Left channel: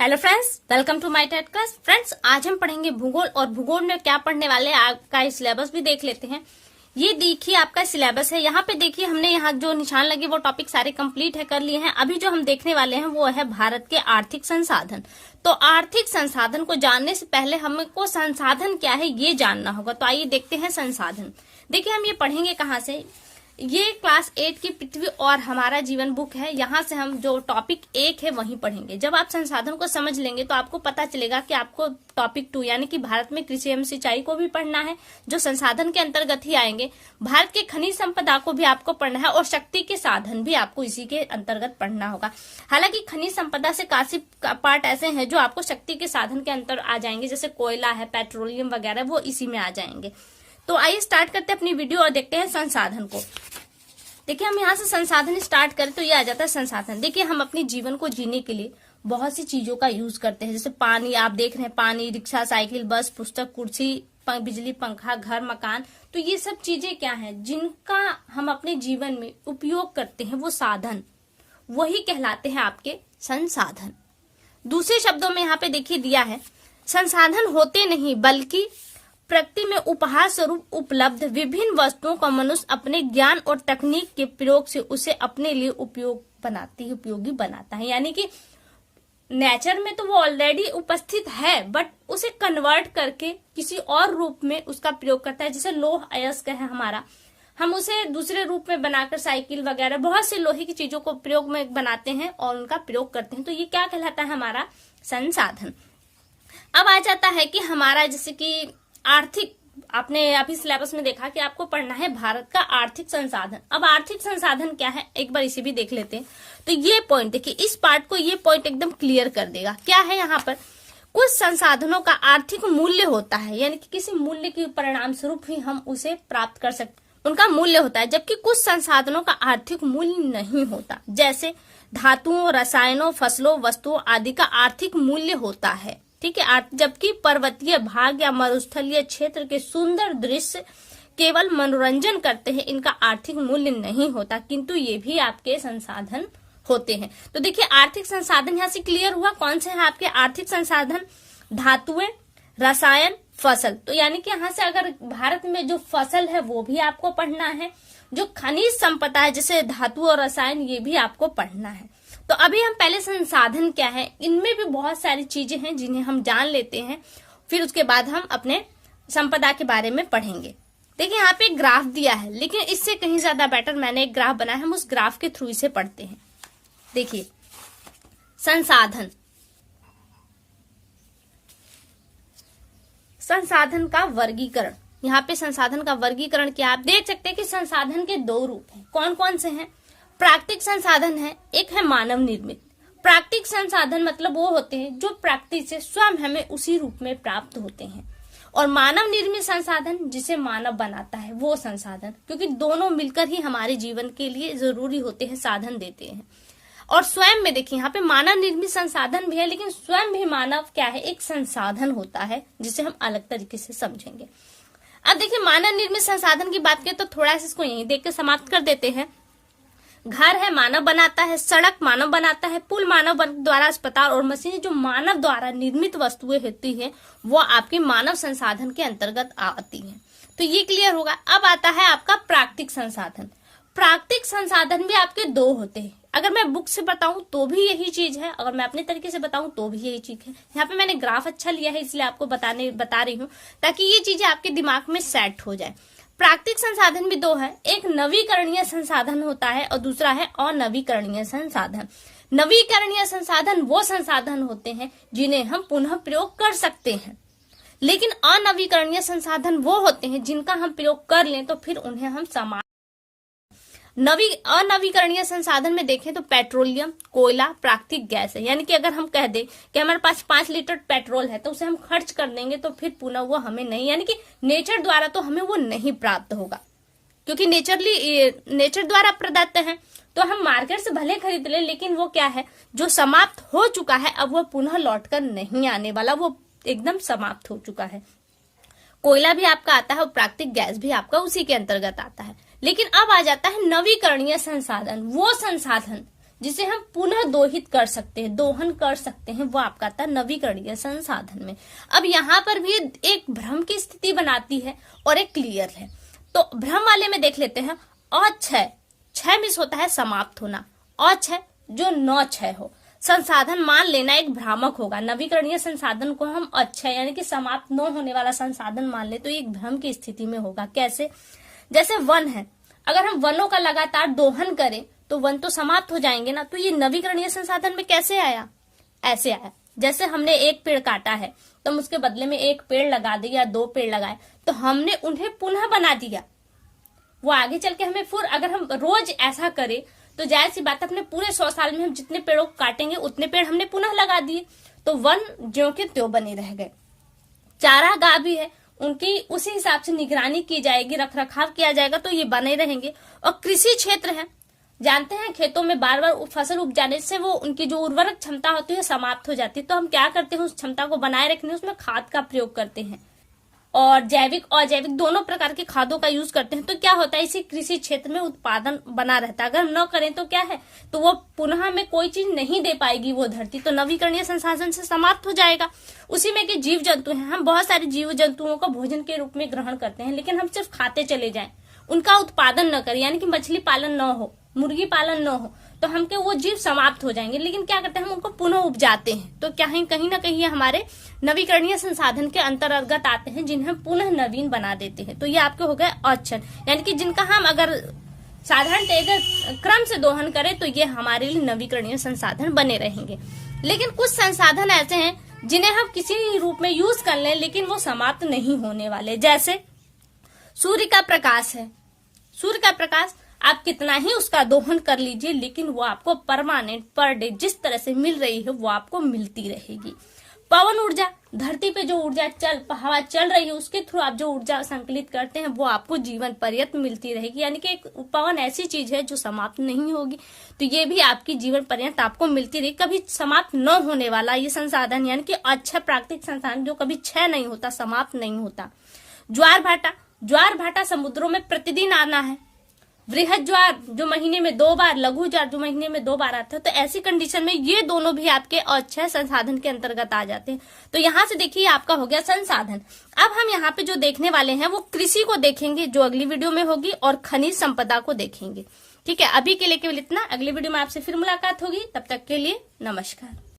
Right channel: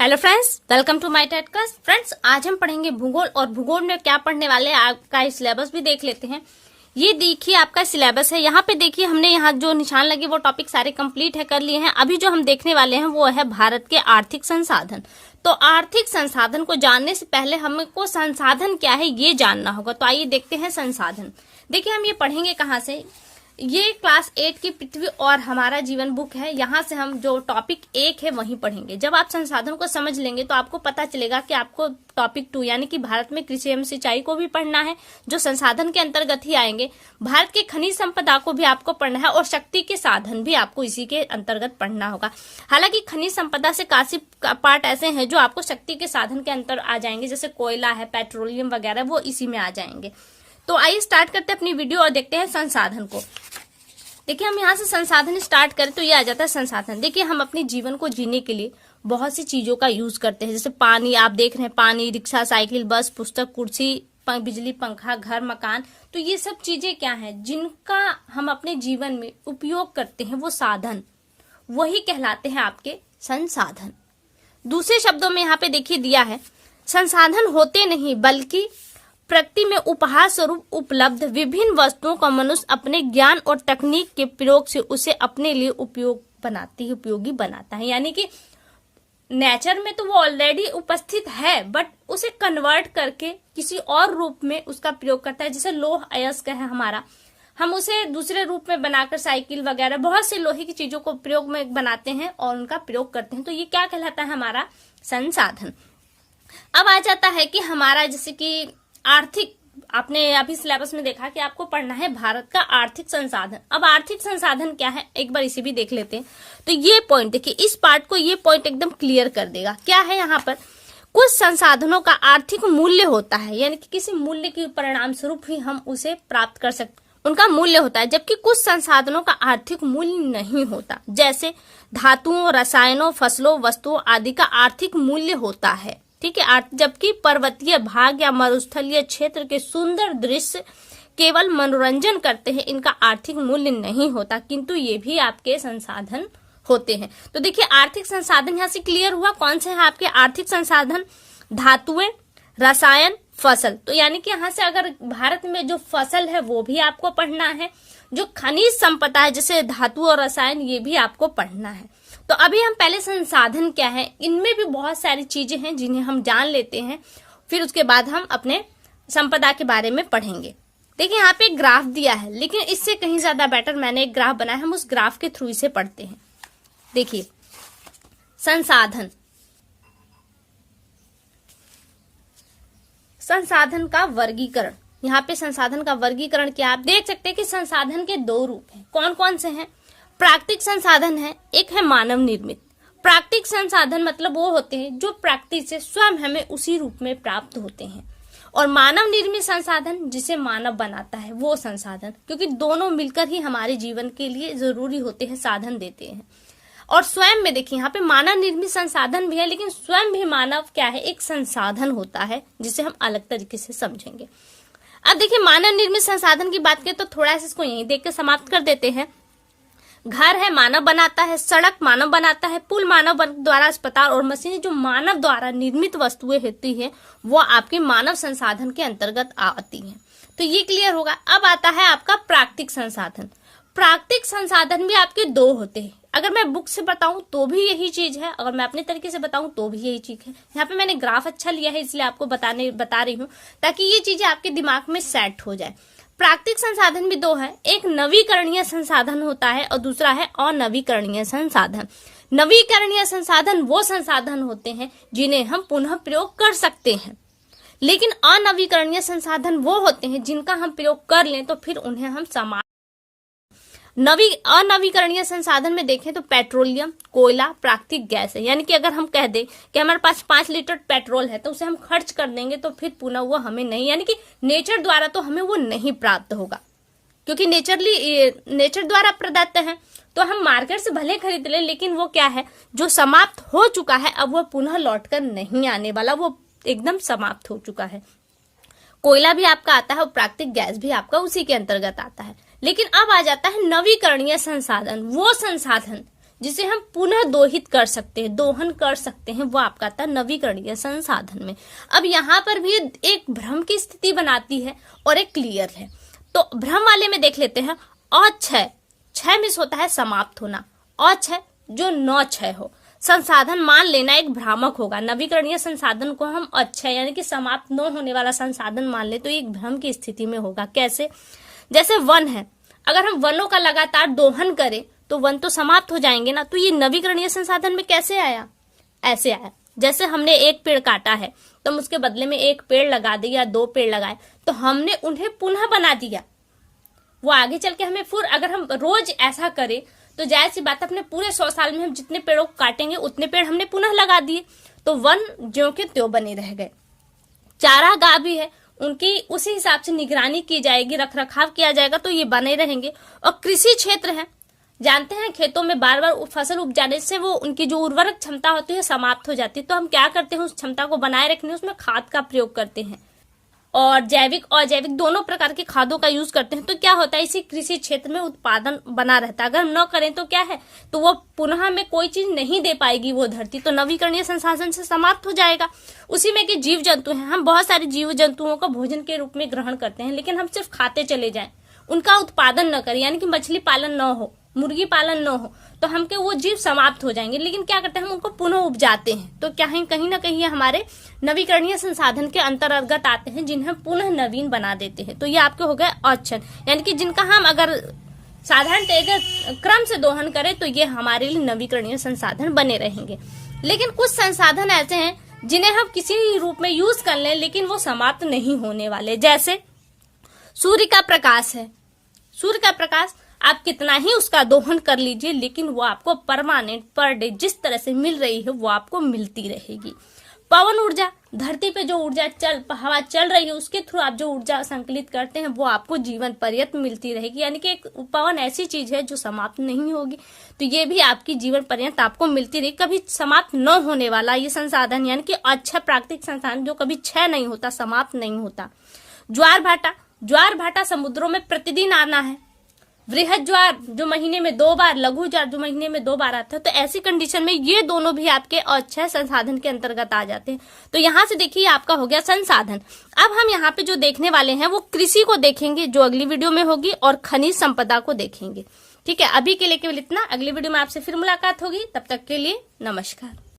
Hello friends, welcome to my TED class. Friends, आज हम पढ़ेंगे भूगोल और भूगोल में क्या पढ़ने वाले हैं आपका सिलेबस भी देख लेते हैं। ये देखिए आपका सिलेबस है। यहाँ पे देखिए हमने यहाँ जो निशान लगे वो टॉपिक सारे कंप्लीट है कर लिए हैं। अभी जो हम देखने वाले हैं वो है भारत के आर्थिक संसाधन। तो आर्थिक संसाधन को जानने से पहले हमको संसाधन क्या है ये जानना होगा। तो आइए देखते हैं संसाधन। देखिए हम ये पढ़ेंगे कहाँ से। ये क्लास 8 की पृथ्वी और हमारा जीवन बुक है। यहाँ से हम जो टॉपिक 1 है वही पढ़ेंगे। जब आप संसाधन को समझ लेंगे तो आपको पता चलेगा कि आपको टॉपिक 2 यानी कि भारत में कृषि एवं सिंचाई को भी पढ़ना है, जो संसाधन के अंतर्गत ही आएंगे। भारत के खनिज संपदा को भी आपको पढ़ना है और शक्ति के साधन भी आपको इसी के अंतर्गत पढ़ना होगा। हालांकि खनिज संपदा से काफी पार्ट ऐसे हैं जो आपको शक्ति के साधन के अंतर आ जाएंगे, जैसे कोयला है, पेट्रोलियम वगैरह, वो इसी में आ जाएंगे। तो आइए स्टार्ट करते हैं अपनी वीडियो और देखते हैं संसाधन को। देखिए हम यहाँ से संसाधन स्टार्ट करें तो ये आ जाता है संसाधन। देखिए हम अपने जीवन को जीने के लिए बहुत सी चीजों का यूज करते हैं, जैसे पानी, आप देख रहे हैं पानी, रिक्शा, साइकिल, बस, पुस्तक, कुर्सी, बिजली, पंखा, घर, मकान। तो ये सब चीजें क्या हैं जिनका हम अपने जीवन में उपयोग करते हैं, वो साधन, वही कहलाते हैं आपके संसाधन। दूसरे शब्दों में यहाँ पे देखिए दिया है, संसाधन होते नहीं बल्कि प्रकृति में उपहार स्वरूप उपलब्ध विभिन्न वस्तुओं का मनुष्य अपने ज्ञान और तकनीक के प्रयोग से उसे अपने लिए उपयोगी बनाता है। यानी कि नेचर में तो वो ऑलरेडी उपस्थित है, बट उसे कन्वर्ट करके किसी और रूप में उसका प्रयोग करता है। जैसे लोह अयस्क है हमारा, हम उसे दूसरे रूप में बनाकर साइकिल वगैरह बहुत से लोहे की चीजों को प्रयोग में बनाते हैं और उनका प्रयोग करते हैं। तो ये क्या कहलाता है, हमारा संसाधन। अब आ जाता है कि हमारा जैसे कि आर्थिक, आपने अभी सिलेबस में देखा कि आपको पढ़ना है भारत का आर्थिक संसाधन। अब आर्थिक संसाधन क्या है एक बार इसे भी देख लेते हैं। तो ये पॉइंट देखिए, इस पार्ट को ये पॉइंट एकदम क्लियर कर देगा। क्या है यहाँ पर, कुछ संसाधनों का आर्थिक मूल्य होता है, यानी कि किसी मूल्य के परिणाम स्वरूप ही हम उसे प्राप्त कर सकते, उनका मूल्य होता है। जबकि कुछ संसाधनों का आर्थिक मूल्य नहीं होता, जैसे धातुओं, रसायनों, फसलों, वस्तुओं आदि का आर्थिक मूल्य होता है। ठीक है। जबकि पर्वतीय भाग या मरुस्थलीय क्षेत्र के सुंदर दृश्य केवल मनोरंजन करते हैं, इनका आर्थिक मूल्य नहीं होता, किंतु ये भी आपके संसाधन होते हैं। तो देखिए आर्थिक संसाधन यहाँ से क्लियर हुआ। कौन से हैं आपके आर्थिक संसाधन, धातुएं, रसायन, फसल। तो यानी कि यहाँ से अगर भारत में जो फसल है वो भी आपको पढ़ना है, जो खनिज संपदा है जैसे धातु और रसायन, ये भी आपको पढ़ना है। तो अभी हम पहले संसाधन क्या है, इनमें भी बहुत सारी चीजें हैं जिन्हें हम जान लेते हैं, फिर उसके बाद हम अपने संपदा के बारे में पढ़ेंगे। देखिए यहाँ पे एक ग्राफ दिया है, लेकिन इससे कहीं ज्यादा बेटर मैंने एक ग्राफ बनाया, हम उस ग्राफ के थ्रू इसे पढ़ते हैं। देखिए संसाधन, संसाधन का वर्गीकरण। यहाँ पे संसाधन का वर्गीकरण क्या, आप देख सकते हैं कि संसाधन के 2 रूप हैं। कौन कौन से हैं, प्राकृतिक संसाधन है, एक है मानव निर्मित। प्राकृतिक संसाधन मतलब वो होते हैं जो प्रकृति से स्वयं हमें उसी रूप में प्राप्त होते हैं, और मानव निर्मित संसाधन जिसे मानव बनाता है वो संसाधन, क्योंकि दोनों मिलकर ही हमारे जीवन के लिए जरूरी होते हैं, साधन देते हैं। और स्वयं में देखिए यहाँ पे मानव निर्मित संसाधन भी है, लेकिन स्वयं भी मानव क्या है, एक संसाधन होता है, जिसे हम अलग तरीके से समझेंगे। अब देखिए मानव निर्मित संसाधन की बात करें तो थोड़ा सा इसको यहीं देख कर समाप्त कर देते हैं। घर है मानव बनाता है, सड़क मानव बनाता है, पुल मानव द्वारा, अस्पताल और मशीनें जो मानव द्वारा निर्मित वस्तुएं होती हैं वो आपके मानव संसाधन के अंतर्गत आती हैं। तो ये क्लियर होगा। अब आता है आपका प्राकृतिक संसाधन। प्राकृतिक संसाधन भी आपके 2 होते हैं। अगर मैं बुक से बताऊं तो भी यही चीज है, अगर मैं अपने तरीके से बताऊं तो भी यही चीज है। यहाँ पे मैंने ग्राफ अच्छा लिया है इसलिए आपको बता रही हूँ, ताकि ये चीजें आपके दिमाग में सेट हो जाए। प्राकृतिक संसाधन भी 2 है, एक नवीकरणीय संसाधन होता है और दूसरा है अनवीकरणीय संसाधन। नवीकरणीय संसाधन वो संसाधन होते हैं जिन्हें हम पुनः प्रयोग कर सकते हैं, लेकिन अनवीकरणीय संसाधन वो होते हैं जिनका हम प्रयोग कर लें तो फिर उन्हें हम अनवीकरणीय संसाधन में देखें तो पेट्रोलियम, कोयला, प्राकृतिक गैस है। यानी कि अगर हम कह दें कि हमारे पास 5 लीटर पेट्रोल है तो उसे हम खर्च कर देंगे तो फिर पुनः वो हमें नहीं, यानी कि नेचर द्वारा तो हमें वो नहीं प्राप्त होगा, क्योंकि नेचर द्वारा प्रदत्त है। तो हम मार्केट से भले खरीद ले, लेकिन वो क्या है, जो समाप्त हो चुका है अब वो पुनः लौट कर नहीं आने वाला, वो एकदम समाप्त हो चुका है। कोयला भी आपका आता है और प्राकृतिक गैस भी आपका उसी के अंतर्गत आता है। लेकिन अब आ जाता है नवीकरणीय संसाधन, वो संसाधन जिसे हम पुनः दोहित कर सकते हैं, दोहन कर सकते हैं, वो आपका आता है नवीकरणीय संसाधन में। अब यहाँ पर भी एक भ्रम की स्थिति बनाती है और एक क्लियर है। तो भ्रम वाले में देख लेते हैं। अक्षय, क्षय मिस होता है समाप्त होना, अक्षय जो न क्षय हो, संसाधन मान लेना एक भ्रामक होगा। नवीकरणीय संसाधन को हम अक्षय यानी कि समाप्त न होने वाला संसाधन मान ले तो एक भ्रम की स्थिति में होगा। कैसे? जैसे वन है, अगर हम वनों का लगातार दोहन करें तो वन तो समाप्त हो जाएंगे ना, तो ये नवीकरणीय संसाधन में कैसे आया? ऐसे आया, जैसे हमने एक पेड़ काटा है तो हम उसके बदले में एक पेड़ लगा दिए या 2 पेड़ लगाए, तो हमने उन्हें पुनः बना दिया। वो आगे चल के हमें फिर अगर हम रोज ऐसा करें तो जाहिर सी बात, अपने पूरे 100 साल में हम जितने पेड़ों को काटेंगे उतने पेड़ हमने पुनः लगा दिए, तो वन ज्यों के त्यों बने रह गए। चारागाह भी है, उनकी उसी हिसाब से निगरानी की जाएगी, रख रखाव किया जाएगा, तो ये बने रहेंगे। और कृषि क्षेत्र है, जानते हैं खेतों में बार बार फसल उपजाने से वो उनकी जो उर्वरक क्षमता होती है समाप्त हो जाती है, तो हम क्या करते हैं, उस क्षमता को बनाए रखने उसमें खाद का प्रयोग करते हैं और जैविक और अजैविक दोनों प्रकार की खादों का यूज करते हैं। तो क्या होता है, इसी कृषि क्षेत्र में उत्पादन बना रहता है। अगर हम न करें तो क्या है, तो वो पुनः हमें कोई चीज नहीं दे पाएगी वो धरती, तो नवीकरणीय संसाधन से समाप्त हो जाएगा। उसी में कि जीव जंतु हैं, हम बहुत सारे जीव जंतुओं को भोजन के रूप में ग्रहण करते हैं, लेकिन हम सिर्फ खाते चले जाएं, उनका उत्पादन न करें, यानी कि मछली पालन न हो, मुर्गी पालन न हो, तो हमके वो जीव समाप्त हो जाएंगे। लेकिन क्या करते हैं, हम उनको पुनः उपजाते हैं, तो क्या है, कहीं ना कहीं हमारे नवीकरणीय संसाधन के अंतर्गत आते हैं, जिन्हें पुनः नवीन बना देते हैं। तो ये आपके हो गए अक्षर, यानी कि जिनका हम अगर साधारण क्रम से दोहन करें तो ये हमारे लिए नवीकरणीय संसाधन बने रहेंगे। लेकिन कुछ संसाधन ऐसे हैं जिन्हें हम किसी रूप में यूज कर लें लेकिन वो समाप्त नहीं होने वाले। जैसे सूर्य का प्रकाश है, सूर्य का प्रकाश आप कितना ही उसका दोहन कर लीजिए, लेकिन वो आपको परमानेंट पर डे जिस तरह से मिल रही है वो आपको मिलती रहेगी। पवन ऊर्जा, धरती पे जो ऊर्जा हवा चल रही है उसके थ्रू आप जो ऊर्जा संकलित करते हैं वो आपको जीवन पर्यंत मिलती रहेगी, यानी कि एक पवन ऐसी चीज है जो समाप्त नहीं होगी, तो ये भी आपकी जीवन पर्यंत आपको मिलती रहेगी, कभी समाप्त न होने वाला ये संसाधन, यानी कि अच्छा प्राकृतिक संसाधन जो कभी क्षय नहीं होता, समाप्त नहीं होता। ज्वार भाटा, ज्वार भाटा समुद्रों में प्रतिदिन आना है। वृहद ज्वार जो महीने में 2 बार, लघु ज्वार जो महीने में 2 बार आते हैं, तो ऐसी कंडीशन में ये दोनों भी आपके अक्षय संसाधन के अंतर्गत आ जाते हैं। तो यहाँ से देखिए आपका हो गया संसाधन। अब हम यहाँ पे जो देखने वाले हैं वो कृषि को देखेंगे जो अगली वीडियो में होगी, और खनिज संपदा को देखेंगे। ठीक है, अभी के लिए केवल इतना, अगली वीडियो में आपसे फिर मुलाकात होगी, तब तक के लिए नमस्कार।